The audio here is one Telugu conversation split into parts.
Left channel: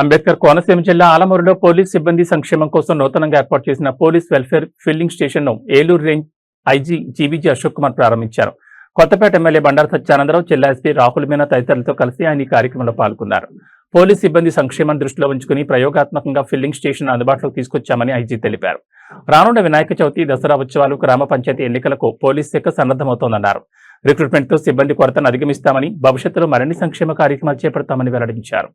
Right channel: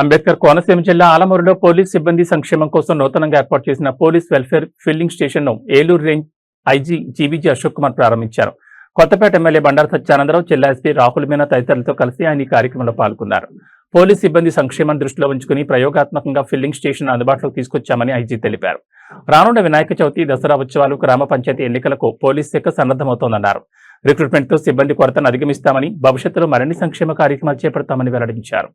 అంబేద్కర్ కోనసీమ జిల్లా ఆలమూరులో పోలీస్ సిబ్బంది సంక్షేమం కోసం నూతనంగా ఏర్పాటు చేసిన పోలీస్ వెల్ఫేర్ ఫిల్లింగ్ స్టేషన్ ను Eluru range IG GVG Ashok Kumar ప్రారంభించారు. కొత్తపేట ఎమ్మెల్యే బండారు సత్యానందరావు, జిల్లా ఎస్పీ రాహుల్ మీనా తదితరులతో కలిసి ఆయన ఈ కార్యక్రమంలో పాల్గొన్నారు. పోలీస్ సిబ్బంది సంక్షేమం దృష్టిలో ఉంచుకుని ప్రయోగాత్మకంగా ఫిల్లింగ్ స్టేషన్ అందుబాటులోకి తీసుకొచ్చామని ఐజీ తెలిపారు. రానున్న వినాయక చవితి, దసరా ఉత్సవాలు, గ్రామ పంచాయతీ ఎన్నికలకు పోలీస్ శాఖ సన్నద్దమవుతోందన్నారు. రిక్రూట్మెంట్ తో సిబ్బంది కొరతను అధిగమిస్తామని, భవిష్యత్తులో మరిన్ని సంక్షేమ కార్యక్రమాలు చేపడతామని వెల్లడించారు.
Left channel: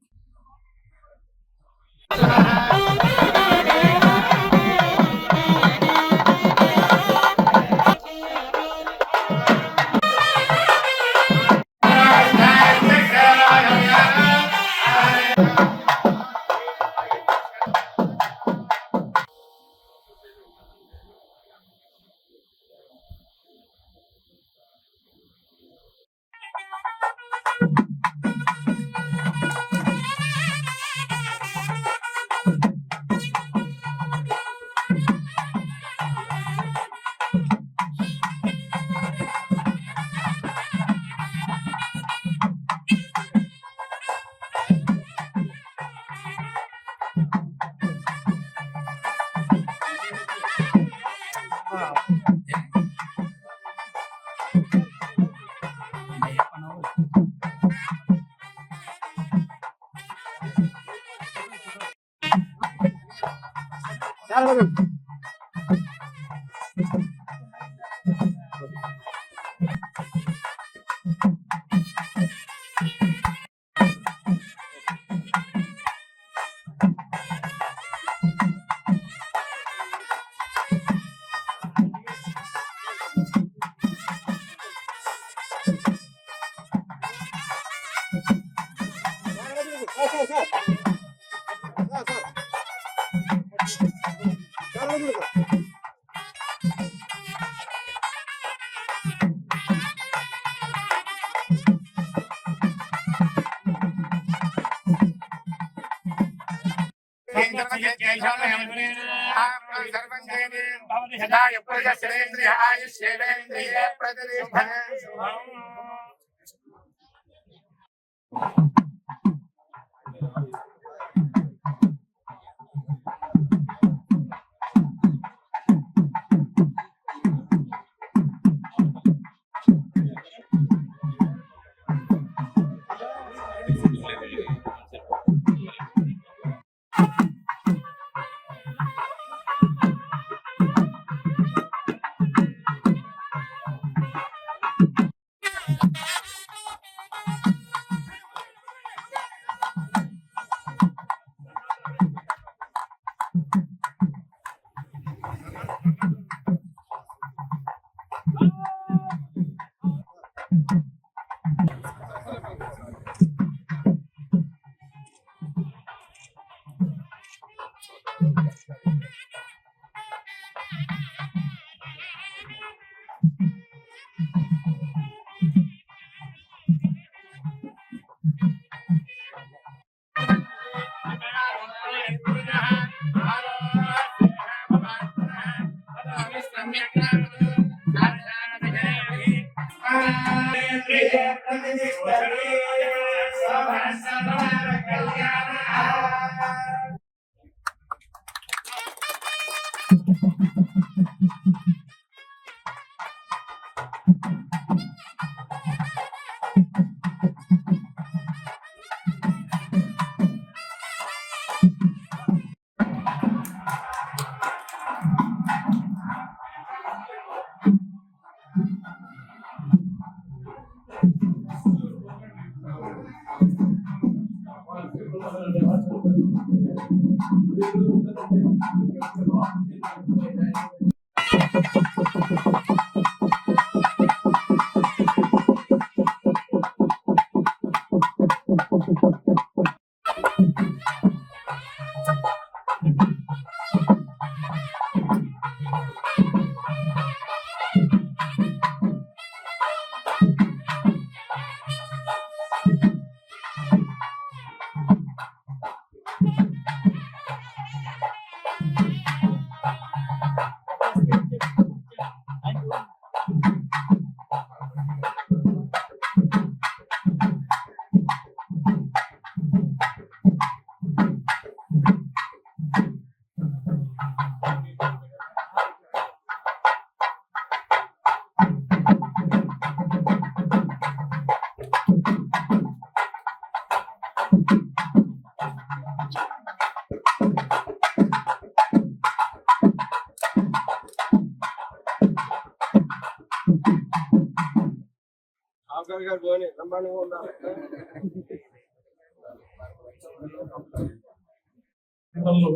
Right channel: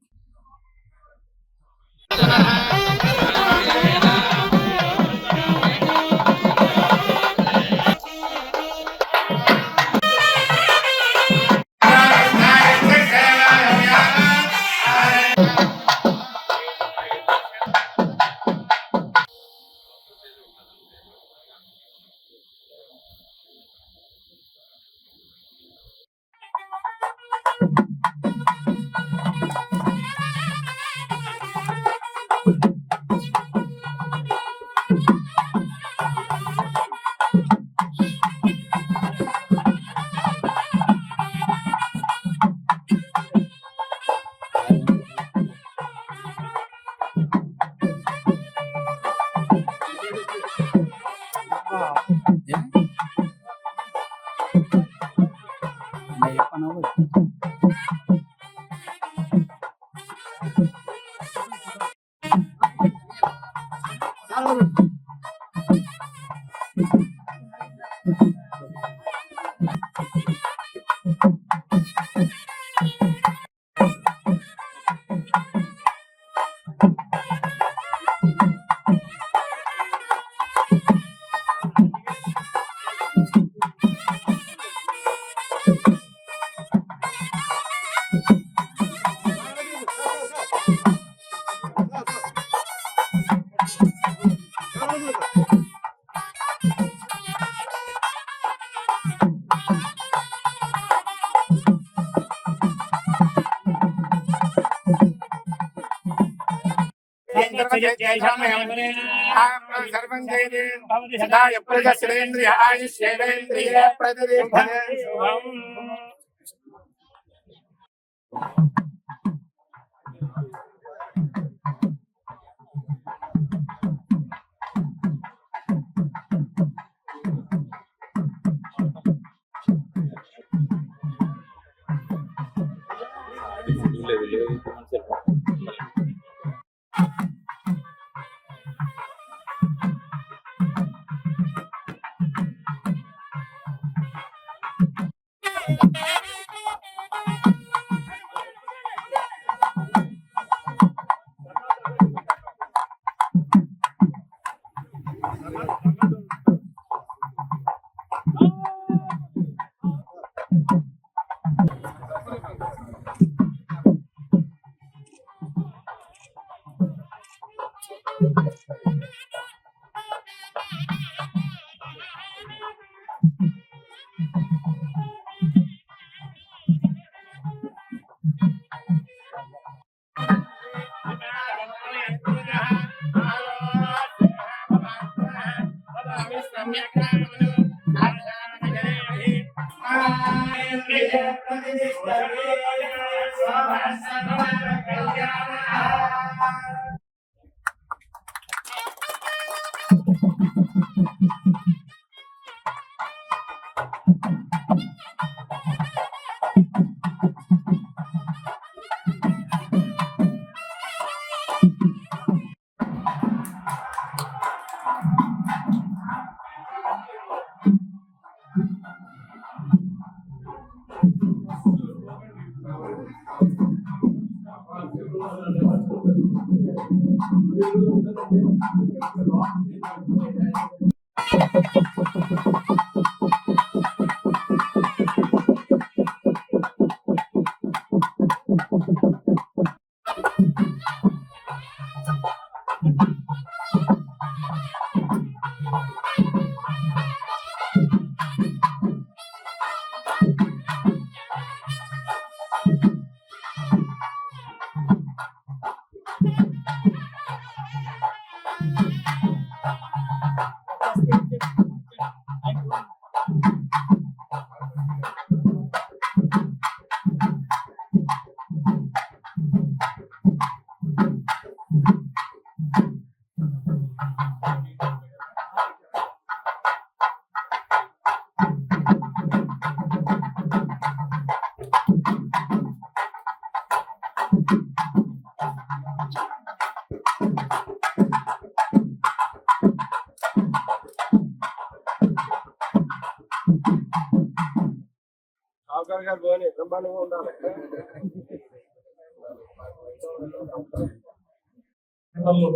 జిల్లాలో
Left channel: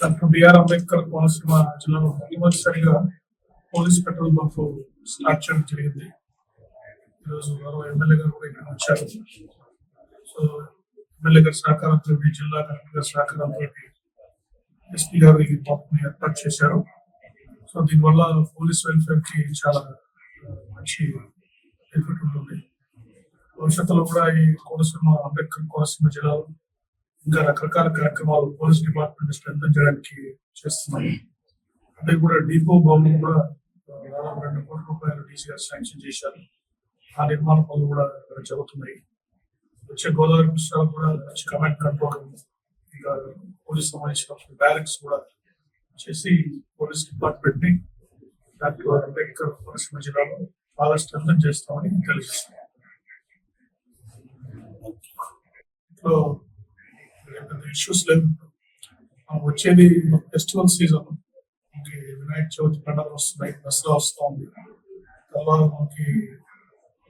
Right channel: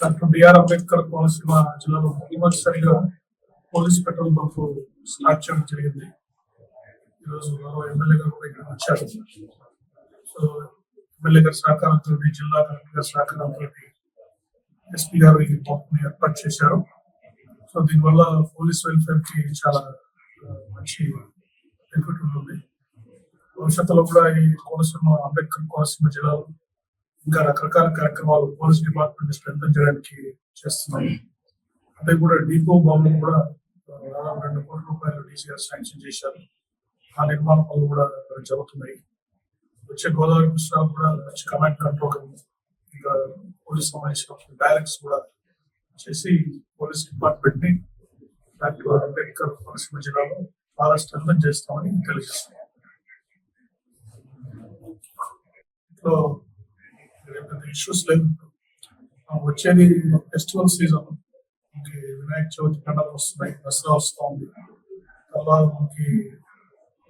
డాక్టర్ బిఆర్ అంబేద్కర్ కోనసీమ జిల్లాలో మొదటిసారిగా పోలీస్ పెట్రోల్ బంక్ స్టార్ట్ చేయడం జరిగింది. ఈరోజు గౌరవ ఎమ్మెల్యే గారు కూడా ఇక్కడ వచ్చారు. సో ఎమ్మెల్యే గారి సహకారంతో, జిల్లా కలెక్టర్ గారి సహకారంతో ఎస్పీ గారు ఈ పంప్ని ఏర్పాటు చేశారు. సో దీనివల్ల పోలీస్ వెల్ఫేర్ కి చాలా మంచి బెనిఫిట్ ఉంటుంది. భవిష్యత్తులో కూడా ఈ అంబేద్కర్ కోనసీమ జిల్లాలో ఇంకా రకరకాల కార్యక్రమాలు పోలీస్ డిపార్ట్మెంట్ స్ట్రెంథెన్ చేయడానికి చేస్తున్నాం. అంటే కూడా డిపో భవనం కూడా దాదాపు 2 కోట్ల రూపాయలు డీసీ గారు శాంక్షన్ చేశారు. ఆ నిర్మాణ పనులు కూడా జరుగుతున్నాయి. వచ్చే గోదావరి కృష్ణాలు కూడా మంచి కమాండ్ కంట్రోల్ ఇంకా పోలీస్ సంబంధించిన బ్యారెక్స్ కూడా చేసి పోలీస్ డిపార్ట్మెంట్ ని డాక్టర్ అంబేద్కర్ కోనసీమ జిల్లాలో బాగా స్ట్రెంథెన్ చేస్తామని తెలియజేస్తున్నాం. ఇంట్లో పెద్ద ఇష్యూస్ లేదు. వచ్చేది ఫెస్టివల్ సీజన్, మనకి వినాయక చవితి పండుగ వస్తున్నాయి, దసరా వస్తుంది, తర్వాత మనకి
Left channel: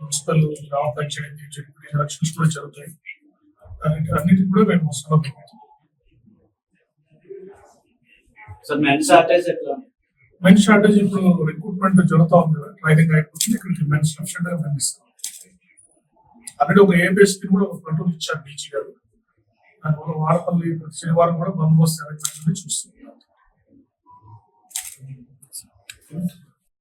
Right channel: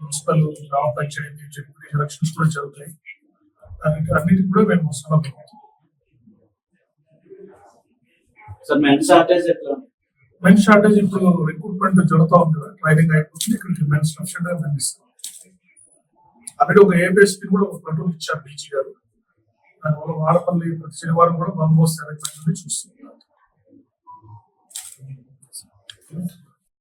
మున్సిపల్ గ్రామ పంచాయతీ జడ్పీ ఎలక్షన్స్ కూడా జరుగుతాయి. అన్నిటికీ కూడా మేము వస్తున్నాం. మెన్ షార్టేజ్ ఇప్పుడు రిక్రూట్మెంట్ జరుగుతూ ఉంది కదా, ట్రైనింగ్ అయిపోతుంది. ఇక్కడికి మెన్ సఫిషియెంట్ గా మేము ఇస్తాం. అక్కడ ఒక ఏబిఎస్పీ కూడా ఒక ప్లటూన్ ఇచ్చారు డీజీ గారు. దానివల్ల వాడపల్లి ప్రతి శనివారం కూడా బందోబస్తు అరేంజ్మెంట్ చూస్తున్నారు.